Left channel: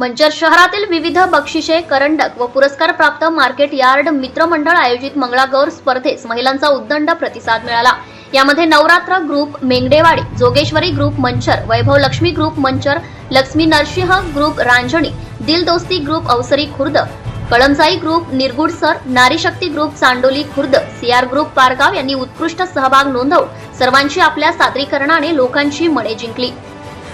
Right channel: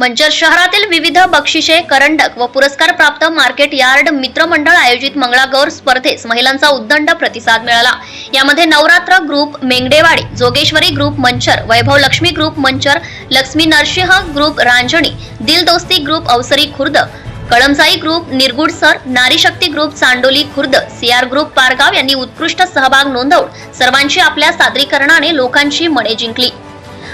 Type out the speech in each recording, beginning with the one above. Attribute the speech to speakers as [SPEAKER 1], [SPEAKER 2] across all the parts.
[SPEAKER 1] मंचर शहरातील विविध बक्षिसे करंडक व पुरस्कार प्राप्त मार्केट यार्ड मित्रमंडळ आयोजित मंगळागौर स्पर्धेस महिलांचा उद्दंड प्रतिसाद मिळाला. यामध्ये Navratra group Mengadewadi Jogeshwari group Manchar Vaibhav Lakshmi group Manchar Lakshmi Narsinh group Ranjani Dildosti group Avasari Khurd Kalamsai group Nirgudsar Nari Shakti group Chandoli Khurd CR group Pargaon यांनी उत्कृष्ट सहभाग नोंदवून सर्वांची आपल्या सादरीकरणाने लोकांची मने जिंकली.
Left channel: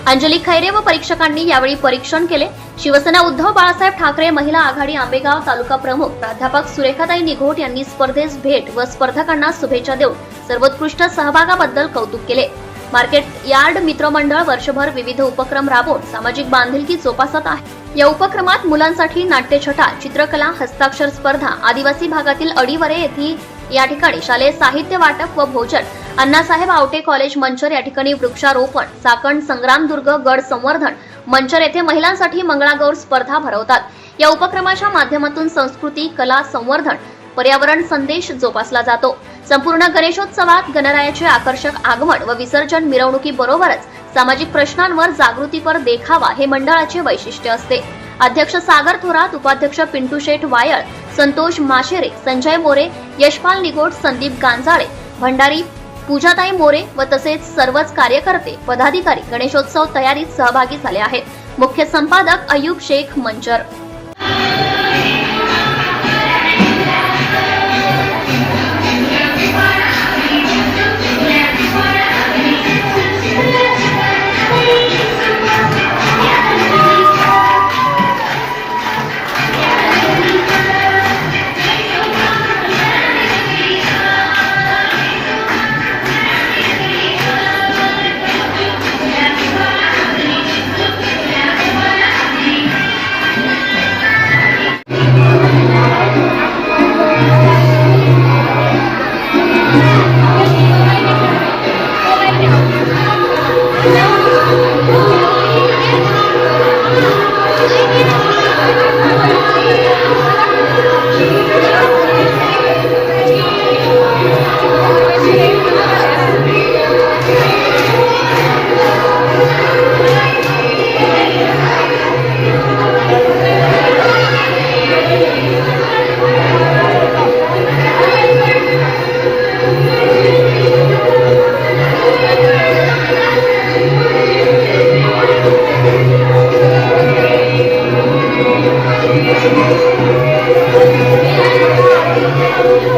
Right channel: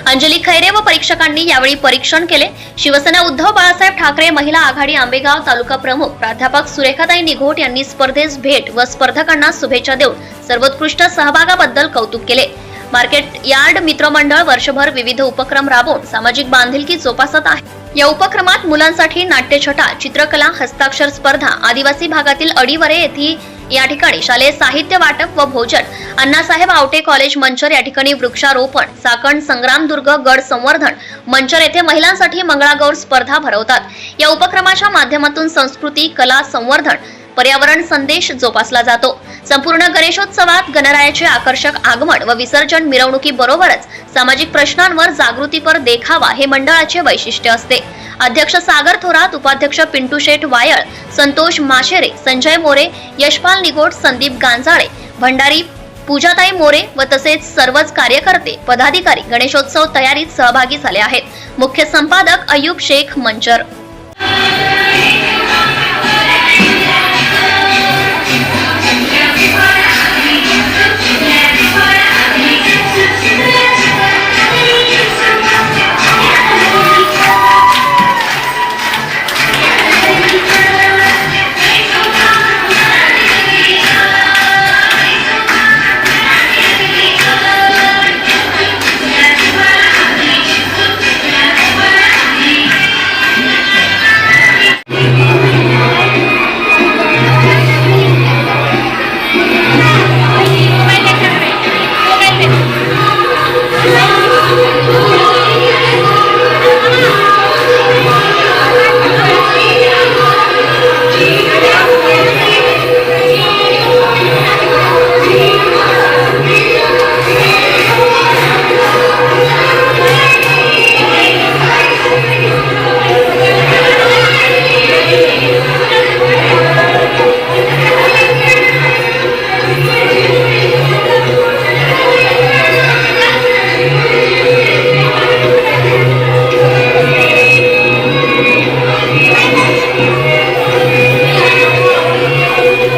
[SPEAKER 1] अंजली खैरे व परीक्षकांनी यावेळी परीक्षण केले. शिवसेना उद्धव बाळासाहेब ठाकरे महिला आघाडी आंबेगाव तालुका प्रमुख प्राध्यापक सुरेखाताई निघोट यांनी स्पर्धेस भेट व स्पर्धकांना शुभेच्छा देऊन सर्वोत्कृष्ट सहभागाबद्दल कौतुक केले. मार्केट यार्ड मित्रमंडळ वर्षभर विविध उपक्रम राबवून सामाजिक बांधिलकी जोपासत आहे. या उपक्रमात मुलांसाठी नाट्यछटा चित्रकला हस्ताक्षर स्पर्धा आदिवासी भागातील अडीवरे येथील या ठिकाणी शालेय साहित्य वाटप व भोजन. अण्णासाहेब आवटे कॉलेज मंचर या ठिकाणी वृक्षारोपण साकण संग्रामदुर्ग गड संवर्धन मंचर येथे महिलांसाठी मंगळागौर स्पर्धा भरवतात. या उपक्रमाच्या माध्यमातून संस्कृती कला संवर्धन पर्यावरण संदेश जोपासला जातो. संपूर्ण गणेशोत्सवात गणरायाचे आकर्षक आगमन व विसर्जन मिरवणुकीबरोबरच सामाजिक प्रश्नांवर जागृतीपर देखावा हे मंडळाचे वैशिष्ट्य असते. अध्यक्ष सागर थोरात उपाध्यक्ष पिंटू शेठ वायळ संतोष माशेरे संजय मोरे यशपाल निगोट संदीप गांजाळे भंडारी पूजाताई मोरे व तसेच सर्वच कार्यकर्ते पदाधिकारी गणेशोत्सव तयारीत सहभागी झाले आहेत. मुख्य संपादक अयूब शेख मंचर.